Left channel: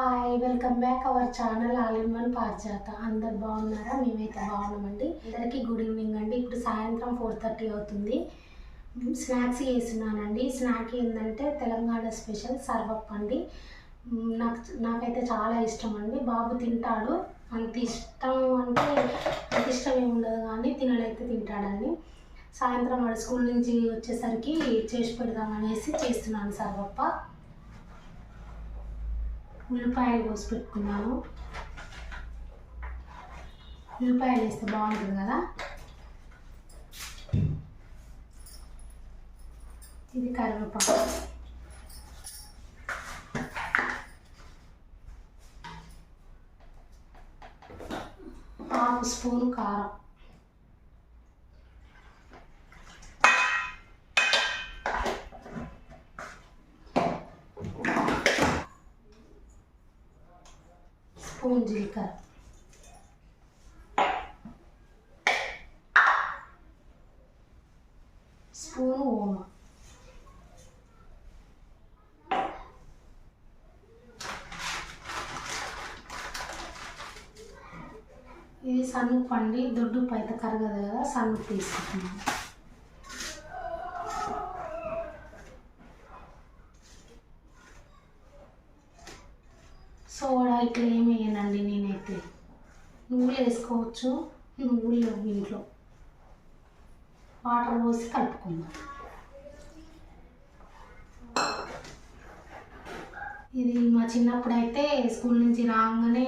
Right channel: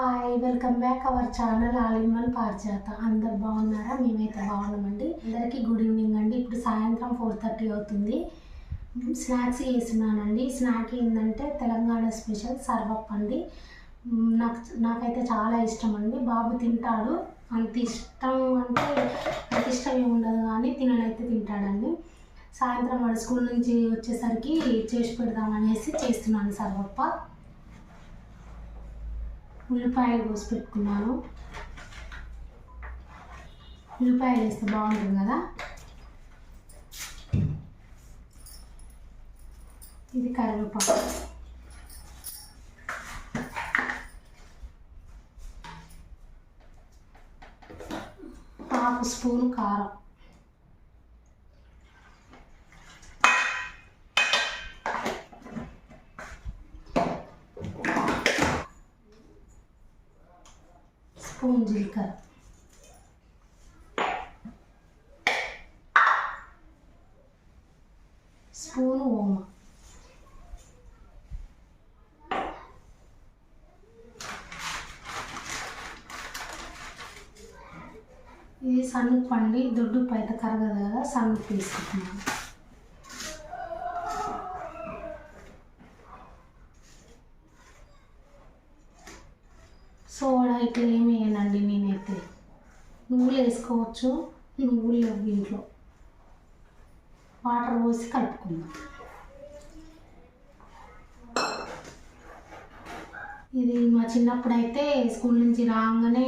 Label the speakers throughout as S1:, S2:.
S1: Hi welcome back our channel all in one Parijata అందరు బాగున్నారా? మేమైతే బాగున్నామండి. అందరికీ గుడ్ ఈవినింగ్ అండి. ఇప్పుడు సాయంత్రం ఫోర్ థర్టీ అవుతుంది. స్నాక్స్ చేస్తున్నానండి. స్నాక్ ఏంటంటే తెలంగాణ స్పెషల్ సర్వప్ అండి నాకు నాకైతే చాలా ఇష్టం అండి బాబు తింటాడు. అంత ఇష్టం అంటే అంత ఇష్టం ఏమి ఉండదు కానీ తినడైతే తింటాడండి. సాయంత్రం వాడు స్కూల్ నుంచి వచ్చేసరికి చేసి పెడదామనేసి చేస్తున్నాను సర్వప్ప. ఉల్లిపాయలు కోసి పెట్టుకున్నాను. ఉల్లిపాయలు వేస్తే బాగుంటుంది కదా? ఇది కరివేపాకు. హాఫ్ స్పూన్ కారం. స్పూన్ జీలకర్ర స్పూన్ ఓమ ఇది సన్నుప్పు అండి దొడ్డు పైత కరగదు కదా సన్నుప్పు తీసుకుంటున్నాను సోడా ఇట్లా ఏమి వేయనండి నేనైతే నువ్వులు వేసుకోవచ్చు. నువ్వులు లేవు ఇంట్లో. వాటర్ పోసి కలుపుకుందాం. ఇది మా చిన్నప్పుడు అయితే స్కూల్ నుంచి రాగానే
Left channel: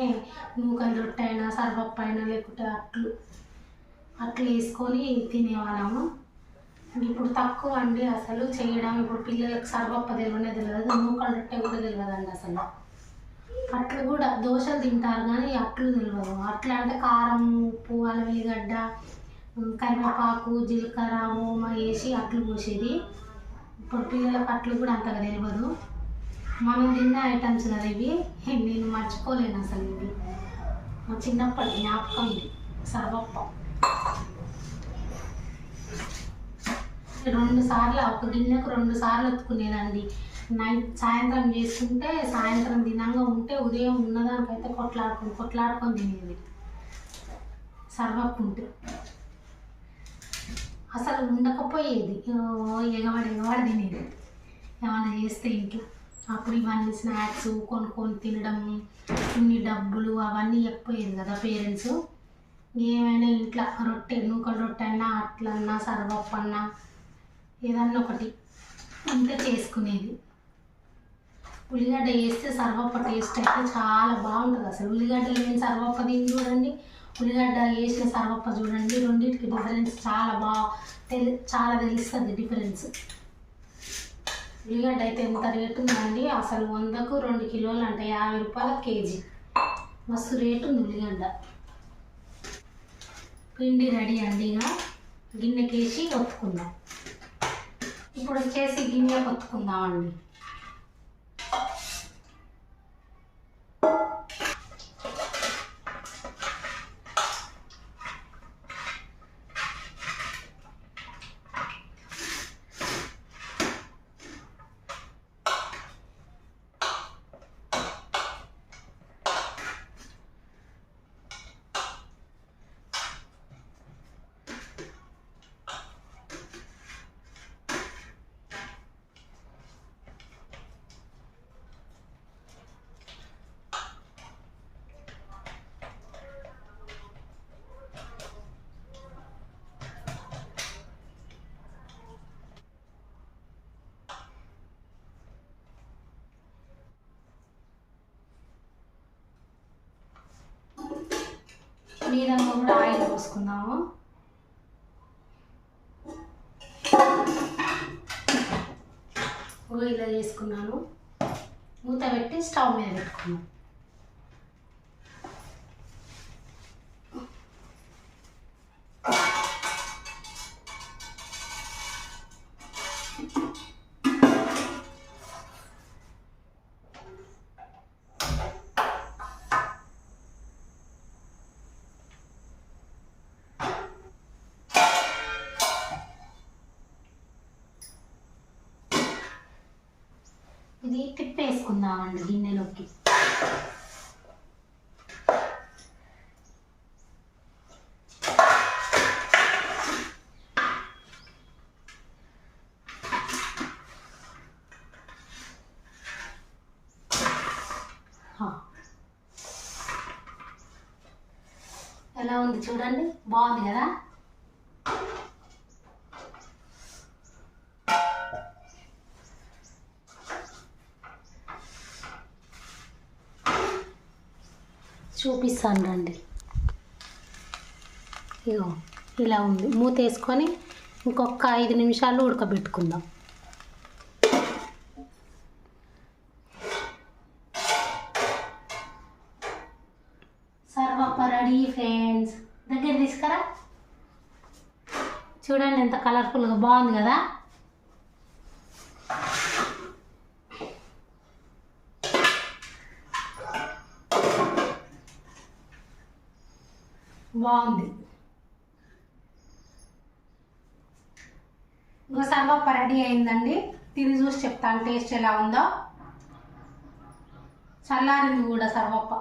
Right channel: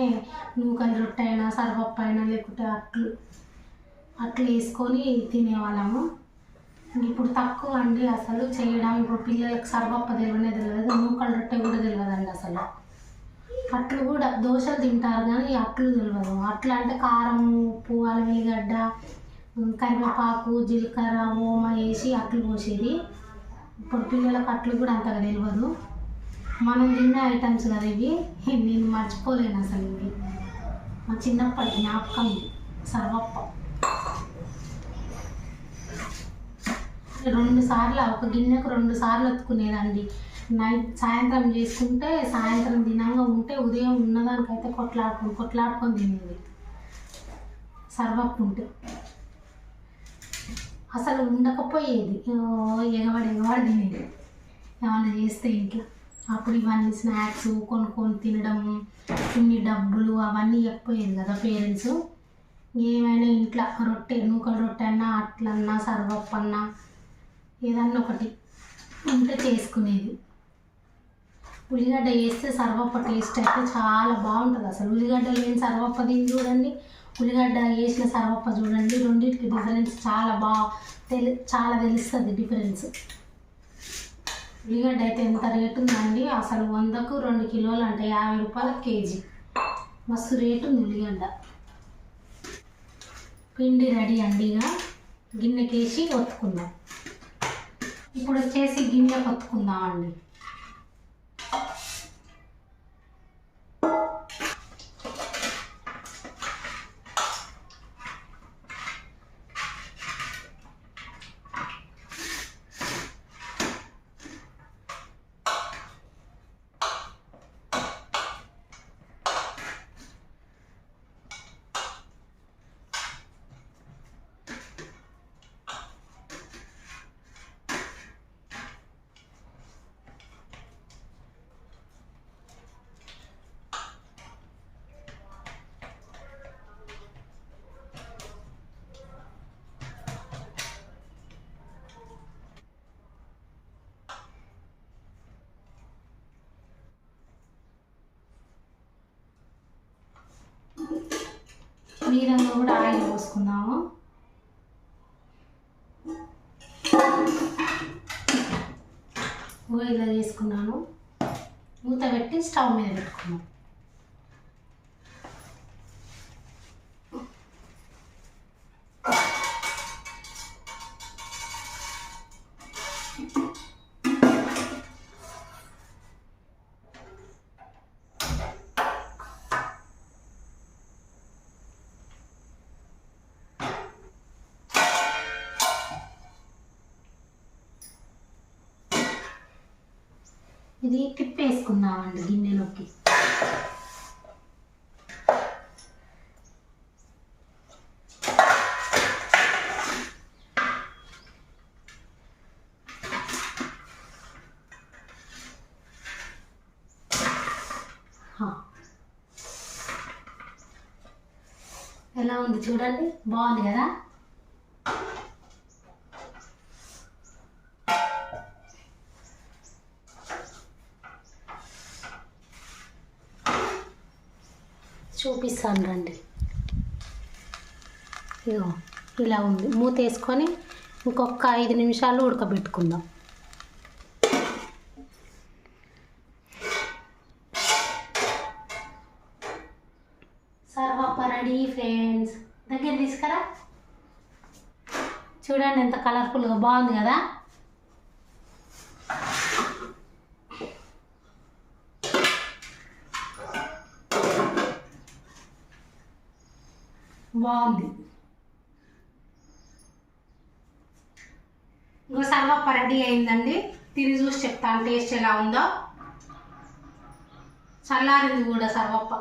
S1: నూకలు రొట్టె అయినా సర్వప్ప అయినా లేకుంటే అట్లు అట్లు వేసుకొని తినేవాళ్ళము. ఇప్పుడు తక్కువ అండి అసలు. చేయడం ఇప్పుడు పిల్లలకు సర్వప్ప తెలియనే తెలియదు. నూకల రొట్టె కూడా తెలియదండి అసలు. అట్లు కూడా దోశలు తింటారు కానీ అట్లు తెలియదు అట్లా అంటే కారం ఉప్పు అల్లం వెల్లిగడ్డ కరివేపాకు జీలకర్ర ఓమ వేసి అట్లు పోసేది ఇప్పుడు పిల్లలకు అట్లు కూడా అంతగా తెలియదు మనం తిన్న ఐటమ్స్ కదా ఇవి. నేను మర్చిపోలేను అసలు ఇవి. మా చిన్నప్పటి జ్ఞాపకం ఇది. సర్వప్ప. రెండు సార్లు ఒక గిన్నెకు రెండు సార్లు ఎత్తుకునేదండి నైట్ సాయంత్రం చేసుకుంటే సాయంత్రం దినంగా ఉంటే ఉదయం ఉన్నదానికైతే కొట్లాడుకు కొట్లాడుకొని తినేది. సర్వప్పు ఉంటే అసలు ఉండకపోయేది. ఓ ఎగవాడు ఎగవాడు తినేది. ఏమన్నా చేస్తే ఇంట్లో. అప్పుడు ఇవన్నీ స్నాక్స్ కొనుక్కొని తినడం ఇన్ని డబ్బులు అవన్నీ ఇవ్వకపోయేది కదా పేరెంట్స్. ఏమైనా ఇంట్లో రొట్టె నూకల రొట్టె అన్నా అట్లన్నా సర్వప్పన్నా ఏదన్నా ఒకటి ఉంటే చేసుకునేది. ఉల్లిగడ్డ వేస్తే సర్వప్ప టేస్ట్ అయితే చాలా బాగుంటుంది. అసలు ఉల్లిగడ్డ లేని సర్వప్ప దీన్ని చూడండి. ఉల్లిగడ్డ వేసిన సర్వప్ప చూడండి. రెండింటికి డిఫరెన్స్ చాలా బాగా తెలి చాలా తెలుస్తుంది డిఫరెన్స్ ఉల్లిగడ్డ అయితే ఎంత రేటు ఉందండి? అసలు వందకు రెండు కిలోలు అంటే యాభై రూపాయల కేజీ. మస్తు రేటు ఉంది ఉల్లిగడ్డ. పిండి రెడీ అండి ఇక. గిన్నెకేసి ఒత్తుకుందాం. ఇప్పుడు వచ్చేసి గిన్నె ఒత్తుకుందామండి మీరంగా కూడా ఆయిల్ పోసుకున్నాము ఓ ఇలా తీసుకున్నాను. మూత పెట్టి స్టవ్ మీద పెట్టుకున్నాను ఇది తిప్పేసుకుందామండి గిన్నెలోకి. ఎలా ఉంది చూడండి? బాగుంది కదా? చూపిస్తాను రండి. ఇగో ఇలా ఉంది. మూత వేసుకొని ఇంకొక ఐదు నిమిషాలు ఉడకబెట్టుకుందాం. సర్వప్ప రెడీ ఫ్రెండ్స్. దగ్గర తీసుకురా. చూడండి ఎంత కలర్ఫుల్గా బాగుంది కదా. బాగుంది. ఇంకో సర్వప్ప రెడీ అయిందండి. తిరిగి చూసి చెప్తాను టేస్ట్ ఎలా ఉందో. చల్లారింది కూడా సర్వప్ప.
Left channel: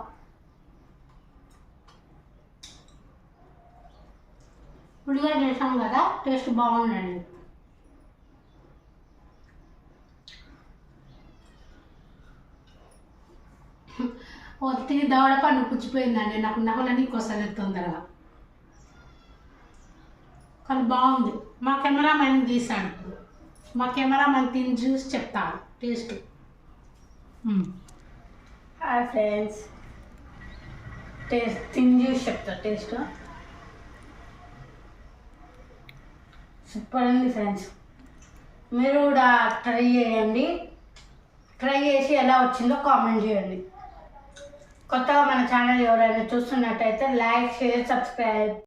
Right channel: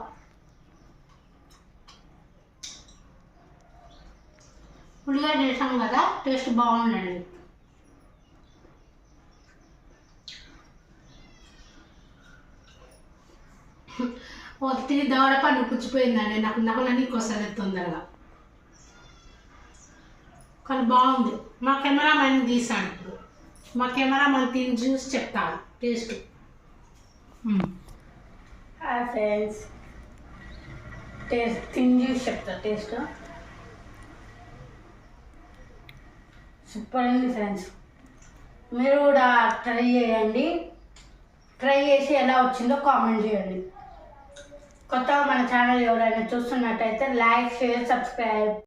S1: ఉల్లిగడ్డ వేసాం కదా టేస్ట్ బాగుందండి. ఒత్తి దవడ పండు పుచ్చిపోయిందండి. నాకు నకలన్నీ కొసలేదు తొందరగా బాగుంది. మా కెమెరామెన్ తీసాడు ఇప్పుడు. మా కెమెరామెన్ తిని చూసి చెప్తాను టేస్ట్.
S2: Hi friends. టేస్ట్ తిని చూసి చెప్తా టేస్ట్. సూపర్ ఉంది ఫ్రెండ్స్. మీరు కూడా ట్రై చేయండి. ట్రై చేసి ఎలా వచ్చిందో కామెంట్ చేయండి. కొత్తగా మన ఛానల్ ఎవరైనా చూస్తున్నట్టయితే లైక్ షేర్ సబ్స్క్రైబ్.